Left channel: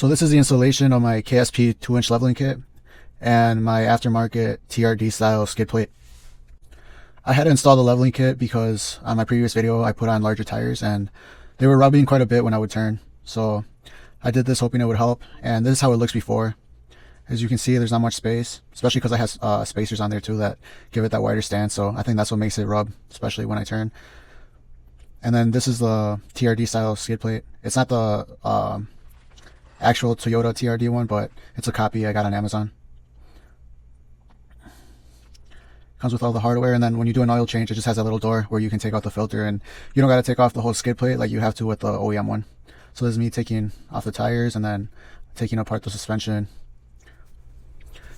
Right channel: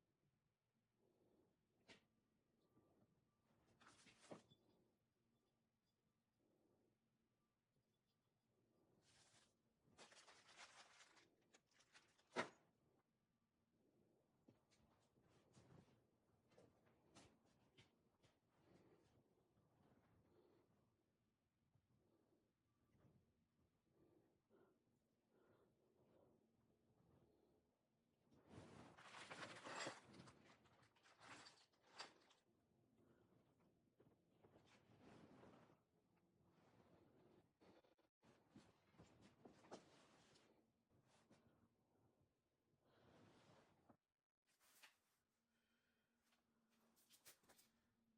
So this is the installation of my KSP 2-inch leveling kit and my aftermarket TRD-style skid plate. I had to install the leveling kit because on my previous video I put on larger tires and they were rubbing quite a bit when I would turn. So I did this hoping it would help, and this is how it looks before. As you can see, there's not much space, especially because I have spacers on there too that give it that wider stance, so I think that's what makes it rub, especially when I turn. And then this is the TRD style skid plate. It's not the actual Toyota TRD one, but it's a copy I got on Amazon. Comes with all the hardware, and then when you do an oil change, it just has a little door where you can take out the filter, and you don't got to take off the whole skid plate like you have to with the OEM one. So this is me taking off the tires and then taking apart the suspension.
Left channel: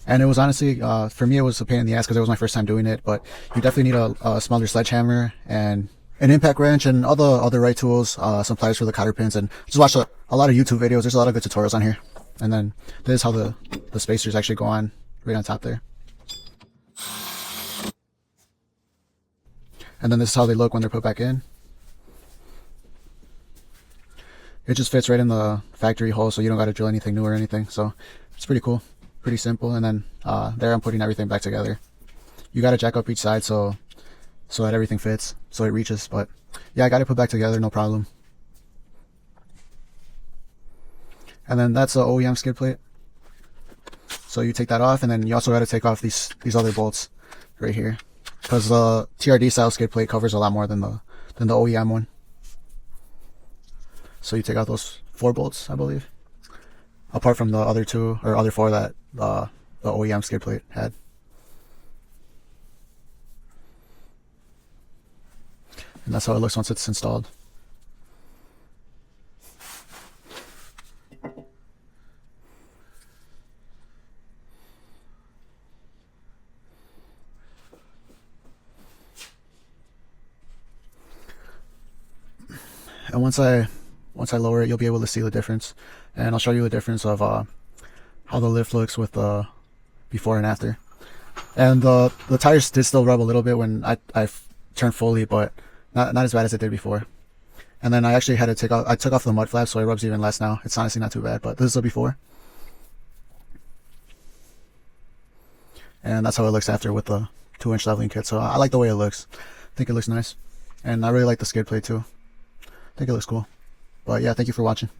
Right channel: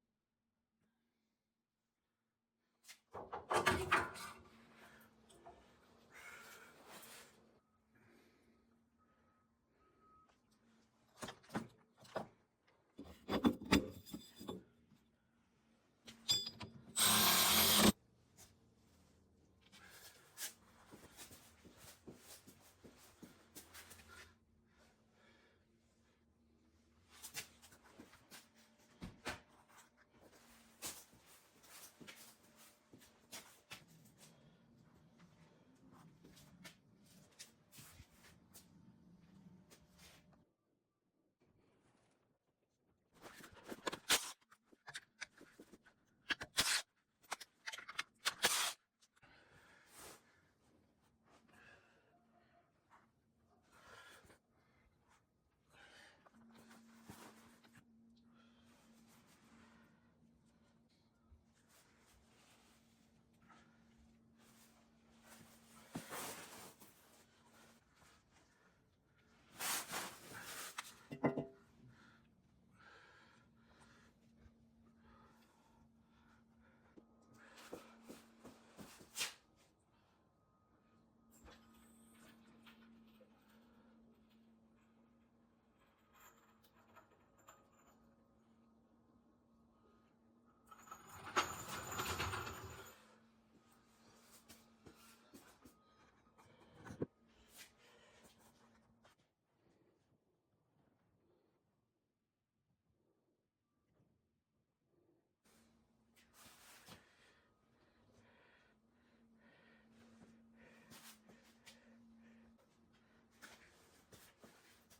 And it was honestly, for me, it was a pain in the ass because it was my first time doing it, but you definitely need a smaller sledgehammer and an impact wrench and all the other right tools, some pliers for the cotter pins, and just watch a lot of YouTube videos. There's a lot of good tutorials on here. And then this is how the spacers actually go on right on top there. And then this is how they look when they're put back in. It just fits right in the factory hole, so you don't got to drill anything new or anything. So it's pretty cool, pretty simple. And then there I'm putting everything back together. You got to jack up each side so that everything fits, so it reaches. But yeah, I got it put back together, no problem. And then that's the OEM skid plate. So you take that off, and then you also got to take off these other bolts right here, because the TRD style skid plate covers a lot more than the OEM one. So you take out those 4 bolts, I believe, apart from the other 2 or other 4 that the OEM skid plate had. And that's how it looks once it's installed. And once I lower it, you'll be able to see the difference, and I'll show you the difference of how the lift looks with the before and after. And the tires did still rub a little bit when I turned fully, but not as bad as it did before. And then I actually had to I took off the mud flap, so it rubs even less now. It's honestly not too bad, but this is the before. And that's how it looks after with the 2-inch leveling kit. So I like the way it looks. I think it looks nice, and I really like the skid plate too. I think it looks cool. But yeah, thank you for watching.